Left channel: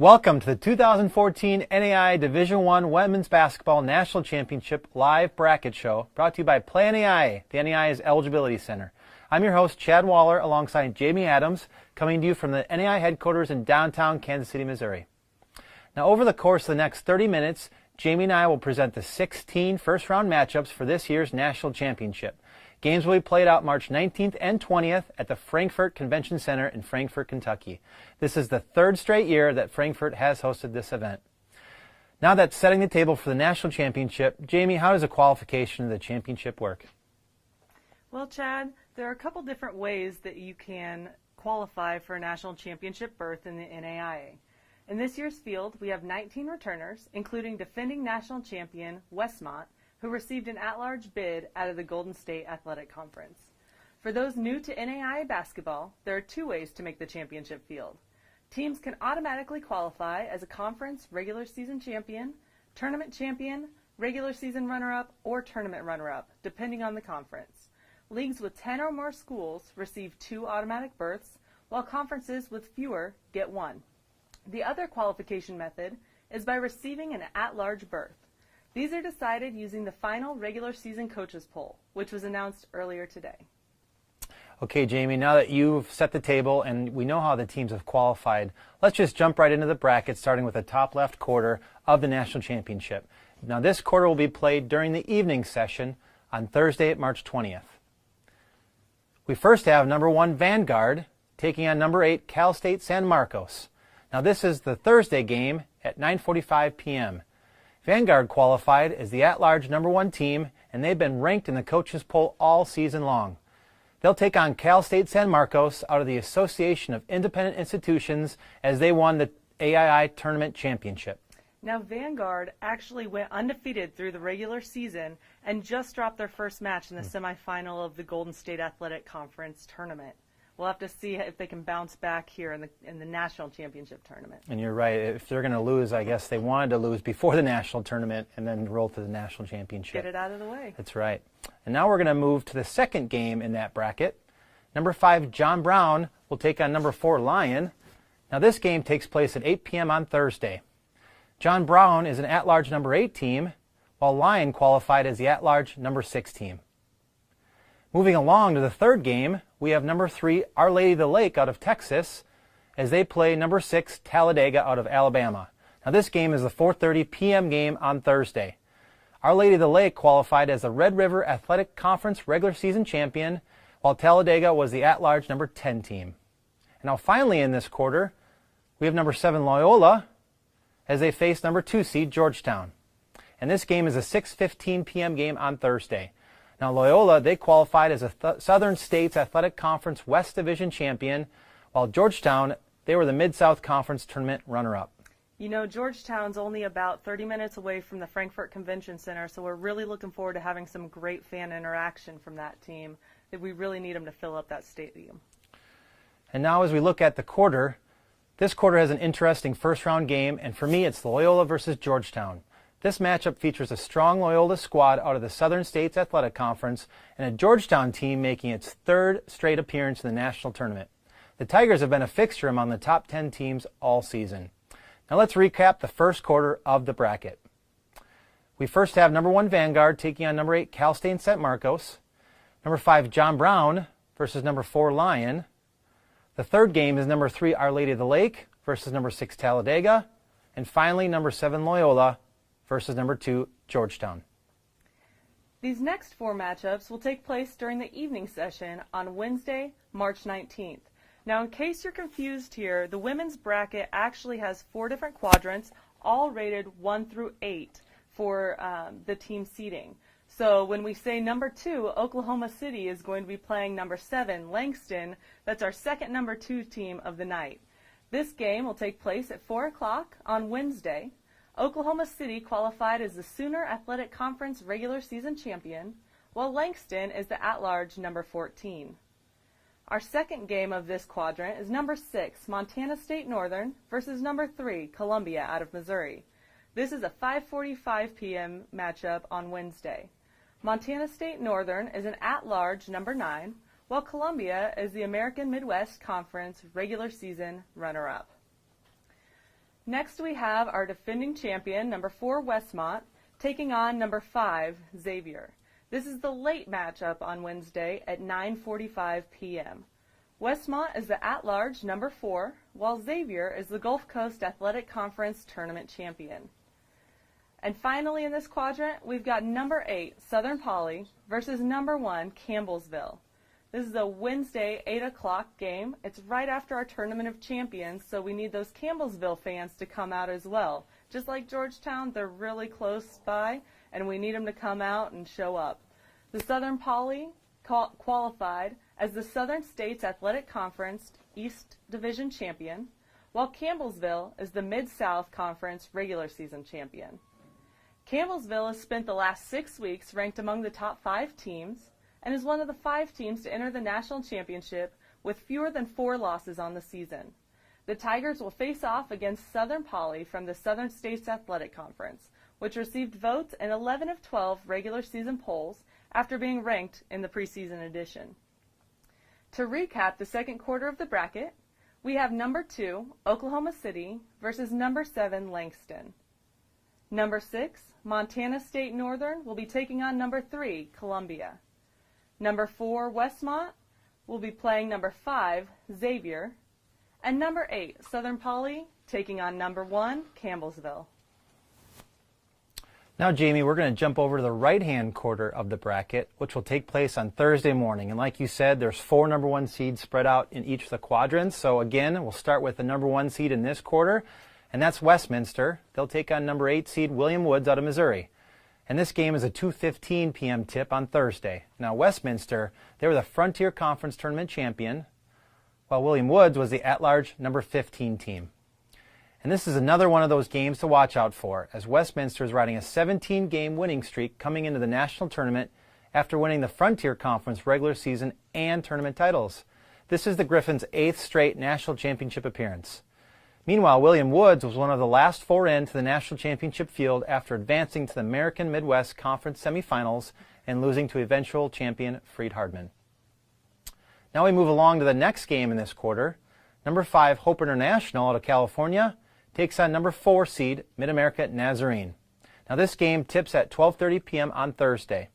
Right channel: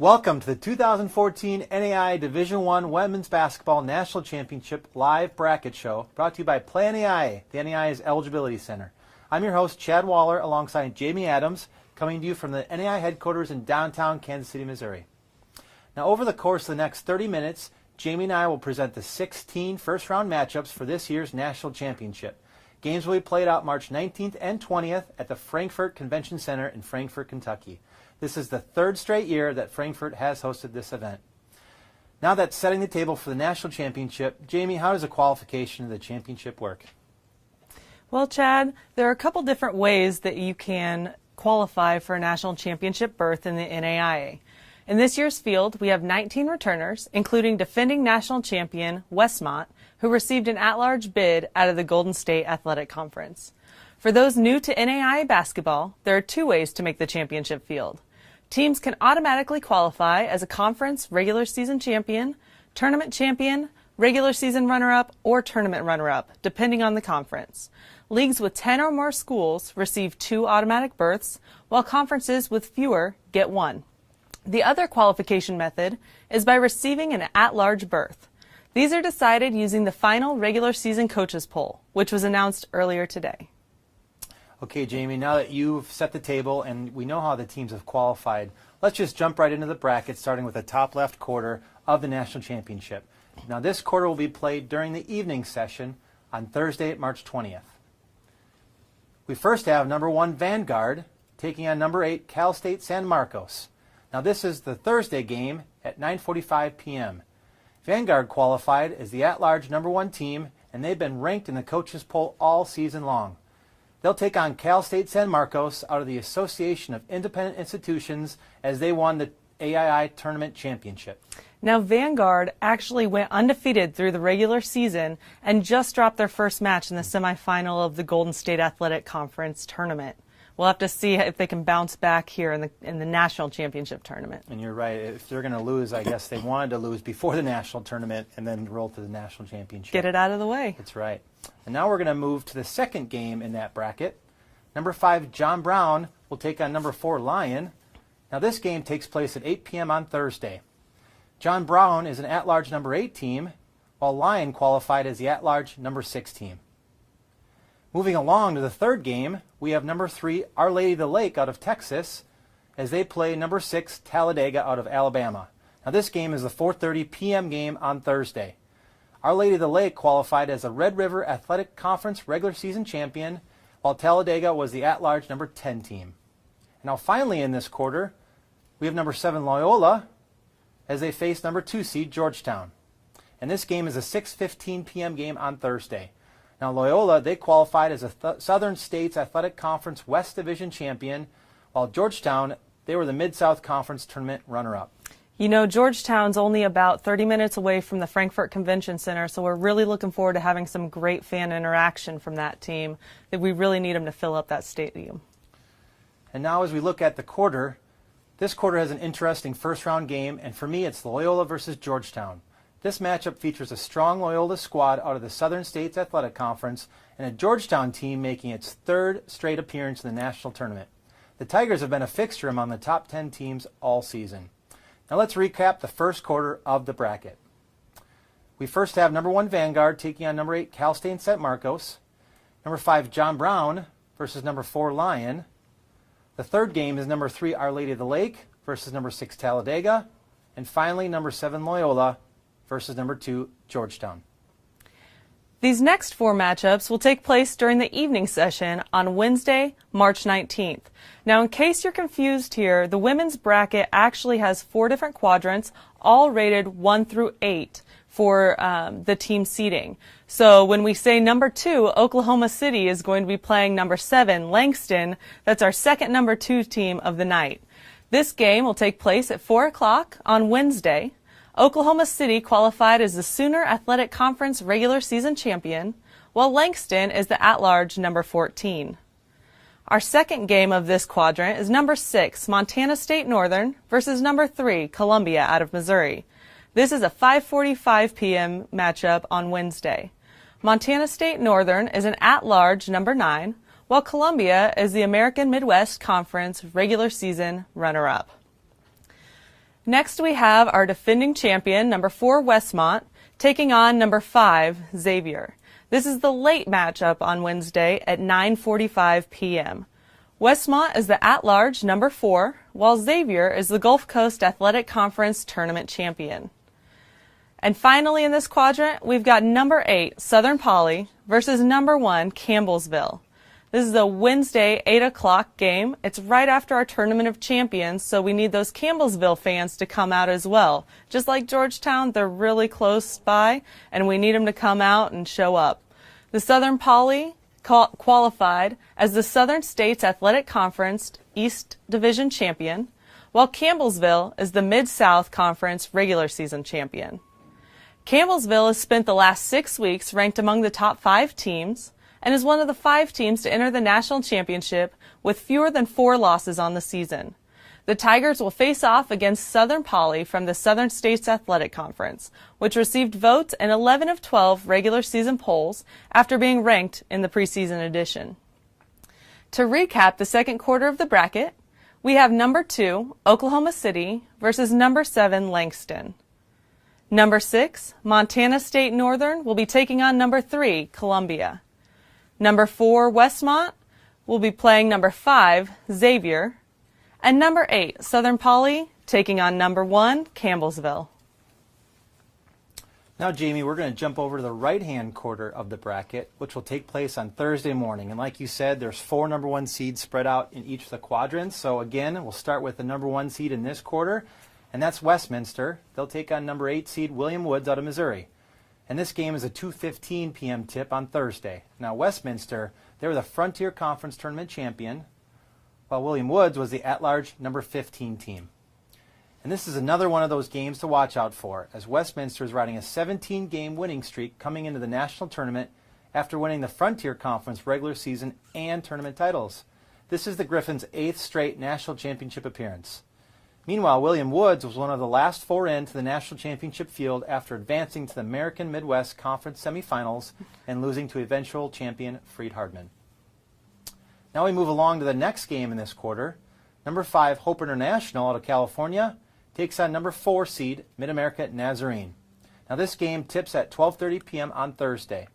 Welcome to the 2014 NAIA Division I Women's Basketball National Championship Live Bracket Show, brought to you by Play NAIA, the NAIA's Eligibility Center. I'm your host, Chad Waller, alongside Jamie Adams, coming to you from the NAIA headquarters in downtown Kansas City, Missouri. Now, over the course of the next 30 minutes, Jamie and I will present the 16 first-round matchups for this year's National Championship. Games will be played out March 19th and 20th at the Frankfort Convention Center in Frankfort, Kentucky. This is the third straight year that Frankfort has hosted this event. Now that's setting the table for the National Championship, Jamie, how does a qualification of the championship work? Well, Chad, there are a couple different ways that you can qualify for a National Championship berth in the NAIA. In this year's field, we have 19 returners, including defending national champion Westmont, who received an at-large bid out of the Golden State Athletic Conference. For those new to NAIA basketball, there are two ways to make the championship field. Teams can automatically qualify as a conference regular season champion, tournament champion, regular season runner-up, or tournament runner-up, depending on the conference. Leagues with 10 or more schools receive 2 automatic berths, while conferences with fewer get 1. The other qualification method is by receiving an at-large berth. These are decided using the final regular season coaches poll, which was announced earlier today. Okay, Jamie, now that you've set the table and we know how the teams have qualified, let's just jump right into the bracket, starting with the top left quarter of the National Championship. Now, this quarter will be played during the evening session on Thursday, March 20th. We first have number 1 Vanguard taking on number 8 Cal State San Marcos. Now, this is the Thursday game at 9:45 p.m. Vanguard qualified as the at-large number 1 team, and they've been ranked in the coaches poll all season long. They'll take on Cal State San Marcos out of the Association of Independent Institutions as they won the AII Tournament Championship. Now, Vanguard actually went undefeated through the regular season and just dropped their first match in the semifinal of the Golden State Athletic Conference tournament. We'll have to see if they can bounce back here in the National Championship tournament. And you're right. If they're going to lose, I guess they wanted to lose before the National Tournament and then roll to the National Championship. Get it out of the way. That's right. And now we're going to move to the second game in that bracket. Number 5, John Brown, will take on number 4, Lyon. Now, this game takes place at 8 p.m. on Thursday. John Brown is an at-large number 8 team, while Lyon qualified as the at-large number 6 team. Moving along to the third game, we have number 3, Our Lady of the Lake out of Texas, as they play number 6, Talladega out of Alabama. Now, this game is the 4:30 p.m. game on Thursday. Our Lady of the Lake qualified as a Red River Athletic Conference regular season champion, while Talladega was the at-large number 10 team. And now, finally in this quarter, we have number 7, Loyola, as they face number 2 seed Georgetown. And this game is a 6:15 p.m. game on Thursday. Now, Loyola, they qualified as a Southern States Athletic Conference West Division champion, while Georgetown, they were the Mid-South Conference tournament runner-up. You know, Georgetown's only about 30 minutes away from the Frankfort Convention Center, so we're really looking forward to having some great fan interaction from that team. That we really need them to fill up that stadium. And now as we look at the quarter, this quarter has an interesting first-round game, and for me, it's Loyola versus Georgetown. This matchup features a strong Loyola squad out of the Southern States Athletic Conference and a Georgetown team making its 3rd straight appearance in the national tournament. The Tigers have been a fixture among the top 10 teams all season. Now let's recap the first quarter of the bracket. We first have number 1 Vanguard taking on number 8 Cal State San Marcos, number 5 John Brown versus number 4 Lyon. The third game is number 3 Our Lady of the Lake versus number 6 Talladega, and finally number 7 Loyola versus number 2 Georgetown. These next 4 matchups will take place during the evening session on Wednesday, March 19th. Now, in case you're confused here, the women's bracket actually has 4 different quadrants, all rated 1 through 8 for the team seeding. So when we say number 2, Oklahoma City is going to be playing number 7, Langston. That's our second number 2 team of the night. This game will take place at 4 o'clock on Wednesday. Oklahoma City qualified as the Sooner Athletic Conference regular season champion, while Langston is the at-large number 14. Our second game of this quadrant is number 6, Montana State Northern versus number 3, Columbia out of Missouri. This is a 5:45 p.m. matchup on Wednesday. Montana State Northern is an at-large number 9, while Columbia is the American Midwest Conference regular season runner-up. Next we have our defending champion, number 4 Westmont, taking on number 5 Xavier. This is the late matchup on Wednesday at 9:45 p.m. Westmont is the at-large number 4, while Xavier is the Gulf Coast Athletic Conference tournament champion. And finally in this quadrant, we've got number 8 Southern Poly versus number 1 Campbellsville. This is a Wednesday 8 o'clock game. It's right after our Tournament of Champions, so we need those Campbellsville fans to come out as well. Just like Georgetown, they're really close by, and we need them to come out and show up. The Southern Poly qualified as the Southern States Athletic Conference East Division champion, while Campbellsville is the Mid-South Conference regular season champion. Campbellsville has spent the last 6 weeks ranked among the top 5 teams, and is one of the 5 teams to enter the national championship with fewer than 4 losses on the season. The Tigers will face off against Southern Poly from the Southern States Athletic Conference, which received votes in 11 of 12 regular season polls after being ranked in the preseason edition. To recap the second quarter of the bracket, we have number 2, Oklahoma City versus number 7, Langston. Number 6, Montana State Northern will be taking on number 3, Columbia. Number 4, Westmont, will be playing number 5, Xavier. And number 8, Southern Poly, taking on number 1, Campbellsville. Now, Jamie, we're going to jump over to the right-hand quarter of the bracket, which will take place on Thursday morning. And like you said, there's 4 number 1 seeds spread out in each of the quadrants. So again, we'll start with the number 1 seed in this quarter, and that's Westminster. They'll take on number 8 seed William Woods out of Missouri. And this game is a 2:15 p.m. tip on Thursday. Now, Westminster, they were the Frontier Conference Tournament champion, while William Woods was the at-large number 15 team. And this is another one of those games to watch out for, as Westminster is riding a 17-game winning streak coming into the national tournament after winning the Frontier Conference regular season and tournament titles. This is the Griffins' 8th straight national championship appearance. Meanwhile, William Woods was one of the last 4 into the national championship field after advancing to the American Midwest Conference semifinals and losing to eventual champion Freed-Hardman. Now we move along to the next game in this quarter. Number 5, Hope International out of California takes on number 4 seed Mid-America Nazarene. Now this game tips at 12:30 p.m. on Thursday.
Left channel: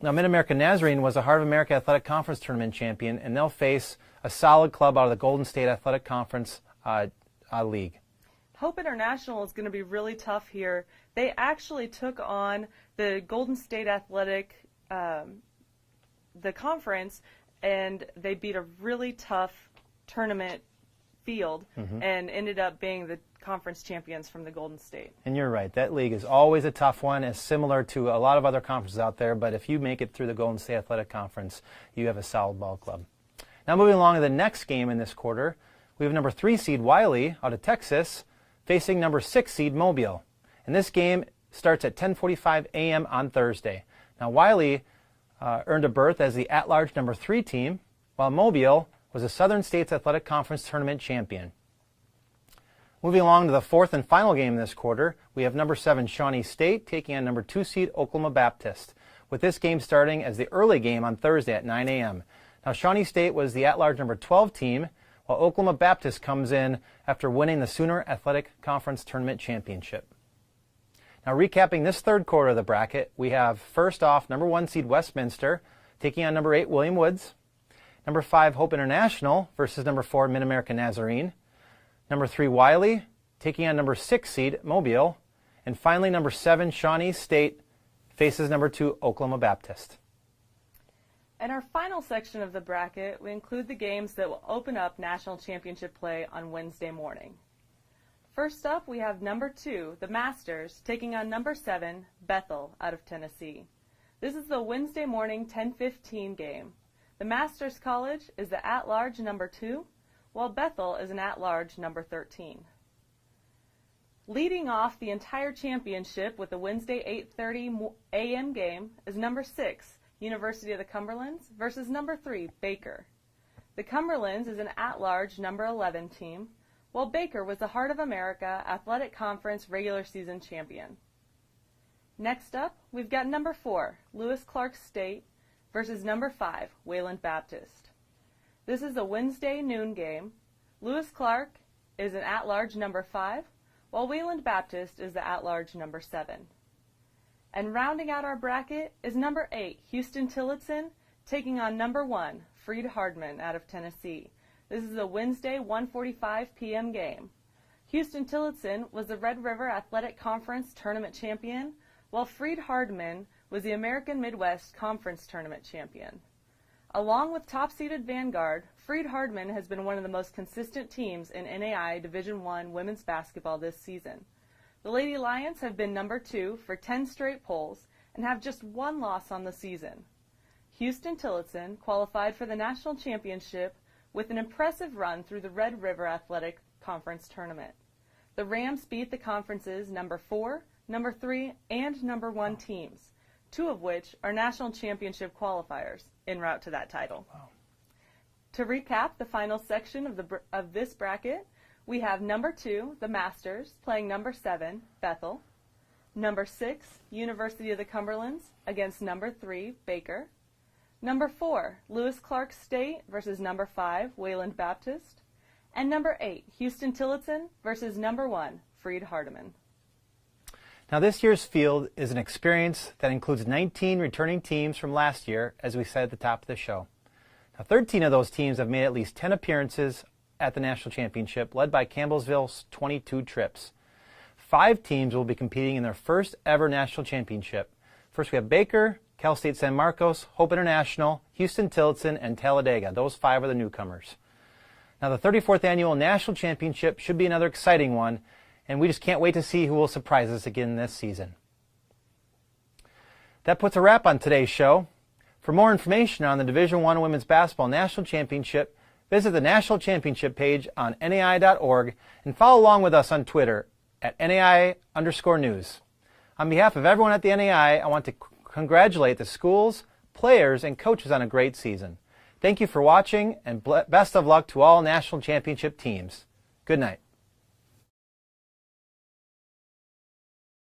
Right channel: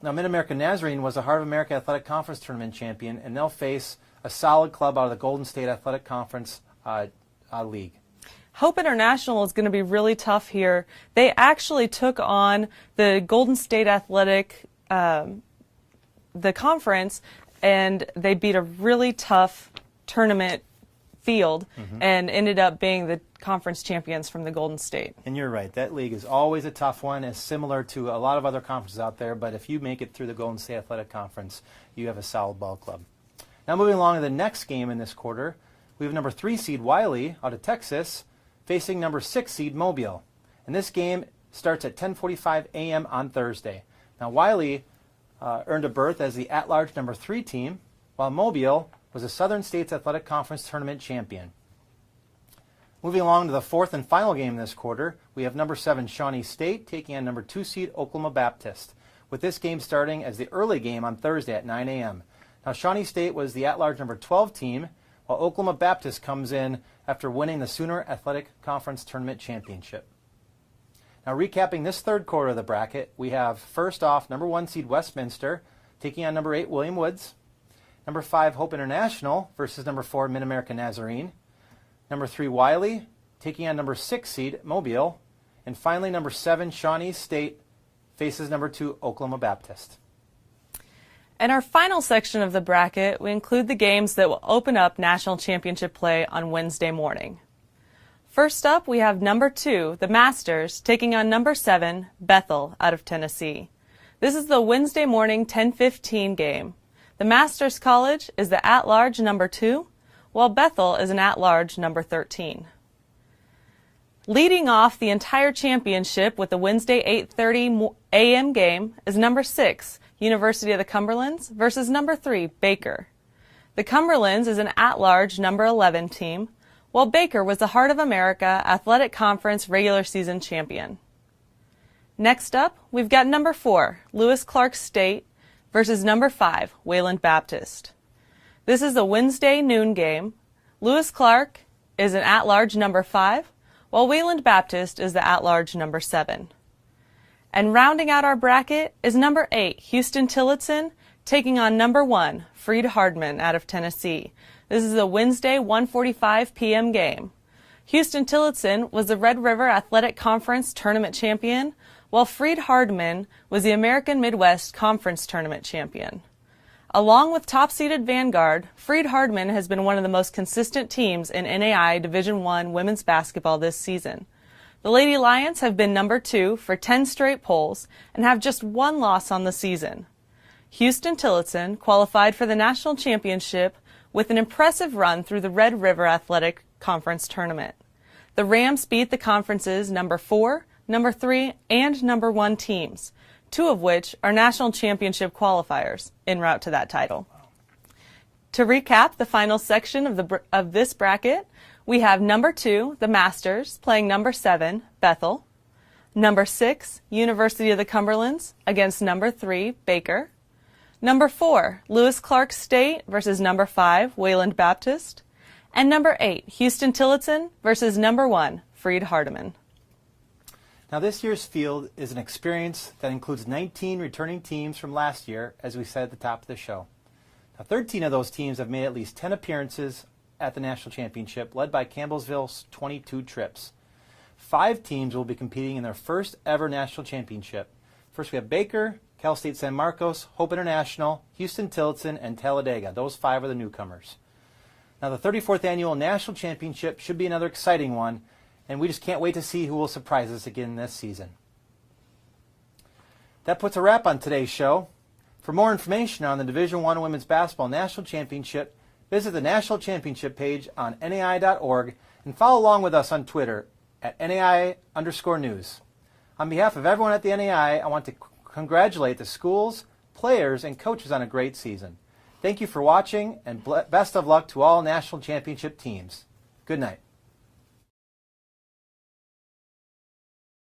Now, Mid-America Nazarene was the Heart of America Athletic Conference Tournament champion, and they'll face a solid club out of the Golden State Athletic Conference League. Hope International is going to be really tough here. They actually took on the Golden State Athletic, the conference, and they beat a really tough tournament field and ended up being the conference champions from the Golden State. And you're right, that league is always a tough one. It's similar to a lot of other conferences out there, but if you make it through the Golden State Athletic Conference, you have a solid ball club. Now moving along to the next game in this quarter, we have number 3 seed Wiley out of Texas facing number 6 seed Mobile. And this game starts at 10:45 a.m. on Thursday. Now Wiley earned a berth as the at-large number 3 team, while Mobile was a Southern States Athletic Conference tournament champion. Moving along to the 4th and final game this quarter, we have number 7 Shawnee State taking on number 2 seed Oklahoma Baptist, with this game starting as the early game on Thursday at 9 a.m. Now Shawnee State was the at-large number 12 team, while Oklahoma Baptist comes in after winning the Sooner Athletic Conference Tournament Championship. Now recapping this third quarter of the bracket, we have first off number 1 seed Westminster taking on number 8 William Woods, number 5 Hope International versus number 4 Mid-America Nazarene, number 3 Wiley taking on number 6 seed Mobile, and finally number 7 Shawnee State faces number 2 Oklahoma Baptist. In our final section of the bracket, we include the games that will open up national championship play on Wednesday morning. First up, we have number 2, the Masters, taking on number 7, Bethel, out of Tennessee. This is the Wednesday morning 10:15 game. The Masters College is the at-large number 2, while Bethel is an at-large number 13. Leading off the entire championship with the Wednesday 8:30 a.m. game is number 6, University of the Cumberlands versus number 3, Baker. The Cumberlands is an at-large number 11 team, while Baker was the Heart of America Athletic Conference regular season champion. Next up, we've got number 4, Lewis Clark State versus number 5, Wayland Baptist. This is a Wednesday noon game. Lewis Clark is an at-large number 5, while Wayland Baptist is the at-large number 7. And rounding out our bracket is number 8, Houston Tillotson, taking on number 1, Freed Hardman out of Tennessee. This is a Wednesday 1:45 p.m. game. Houston Tillotson was the Red River Athletic Conference Tournament champion, while Freed Hardman was the American Midwest Conference Tournament champion. Along with top-seeded Vanguard, Freed Hardman has been one of the most consistent teams in NAIA Division I women's basketball this season. The Lady Lions have been number 2 for 10 straight polls and have just 1 loss on the season. Houston Tillotson qualified for the national championship with an impressive run through the Red River Athletic Conference Tournament. The Rams beat the conference's number 4, number 3, and number 1 teams, 2 of which are national championship qualifiers en route to that title. To recap the final section of this bracket, we have number 2, the Masters, playing number 7, Bethel. Number 6, University of the Cumberlands against number 3, Baker. Number 4, Lewis Clark State versus number 5, Wayland Baptist. And number 8, Houston Tillotson versus number 1, Freed Hardman. Now this year's field is an experience that includes 19 returning teams from last year, as we said at the top of the show. Now 13 of those teams have made at least 10 appearances at the national championship, led by Campbellsville's 22 trips. 5 teams will be competing in their first ever national championship. First we have Baker, Cal State San Marcos, Hope International, Houston Tillotson, and Talladega. Those 5 are the newcomers. Now the 34th annual national championship should be another exciting one, and we just can't wait to see who will surprise us again this season. That puts a wrap on today's show. For more information on the Division I Women's Basketball National Championship, visit the National Championship page on NAIA.org and follow along with us on Twitter at NAIA_news. On behalf of everyone at the NAIA, I want to congratulate the schools, players, and coaches on a great season. Thank you for watching, and best of luck to all national championship teams. Good night.